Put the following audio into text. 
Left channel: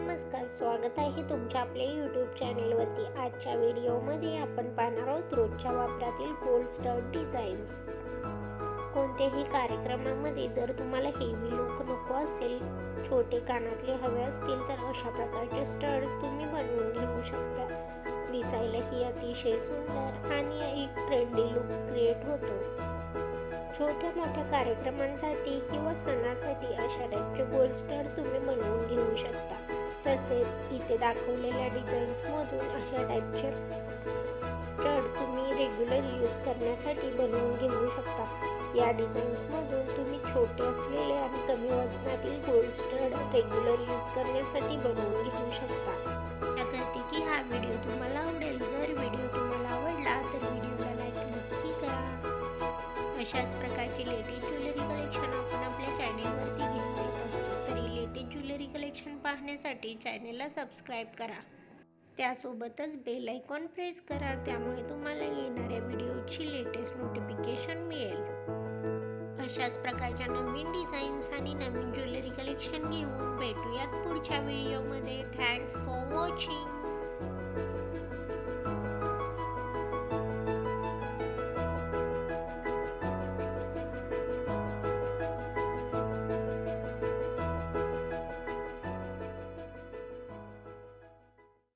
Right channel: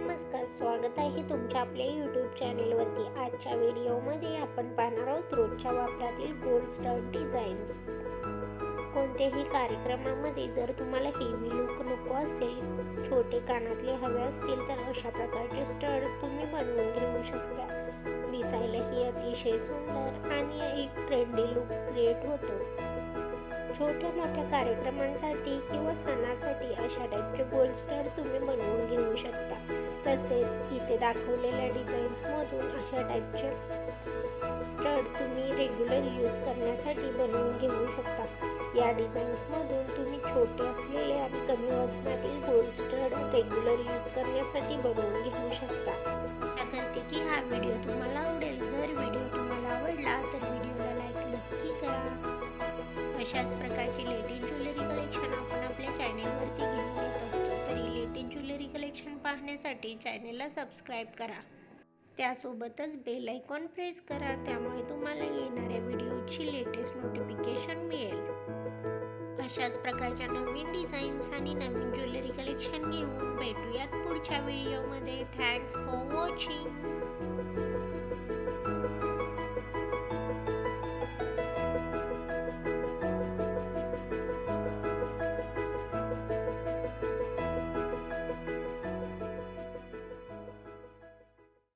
नमस्कार, स्वागत आहे तुमच्या आपल्या यूट्यूब चॅनेलवरती। आजच्या व्हिडिओमध्ये आपण पाहणार आहोत रोजच्या वापरातील गोल्ड स्टड डिझाईन्स। कोणत्याही कार्यक्रमामध्ये जर तुम्हाला हेवी लुक नको असेल, छोटे कानातले हवे असतील तर अशा प्रकारचे स्टड्स तुम्ही बनवून घेऊ शकता। दिसायलाही अतिशय सुंदर आणि एक ट्रेंडी लुक क्रिएट होतो। छोट्या मोठ्या कार्यक्रमांसाठी किंवा सणासाठी अशा टाईपचे गोल्ड स्टड तुम्ही बनवून घेऊ शकता। तसेच इथे दाखवलेल्या डिझाईन्समधून अशा टाईपचे स्टड तुम्ही रेग्युलर यूज करण्यासाठी बनवून घेऊ शकता। या डिझाईन्समधून तुम्ही छोटे असलेले आणि कमी वजनातील गोल्ड स्टड रेग्युलर यूज करण्यासाठी बनवून घेऊ शकता। आशा करते की हा व्हिडिओ तुम्हाला आवडेल। जर व्हिडिओ तुम्हाला आवडला तर व्हिडिओला लाईक नक्की करा। अशाच प्रकारचे लेटेस्ट ज्वेलरी कलेक्शन आपण आपल्या चॅनेलवरती घेऊन येत असतो, तरी लेटेस्ट ज्वेलरी कलेक्शन पाहण्यासाठी चॅनेलला सबस्क्राईब करा। त्यासोबतच बेल आयकॉन प्रेस करा, त्यामुळे तुम्हाला येणाऱ्या व्हिडिओची लेटेस्ट नोटिफिकेशन मिळेल। अशाच प्रकारच्या नवीन डिझाईन्स आणि नवीन ज्वेलरी कलेक्शन घेऊन भेटूयात पुढच्या व्हिडिओमध्ये। Thanks for watching.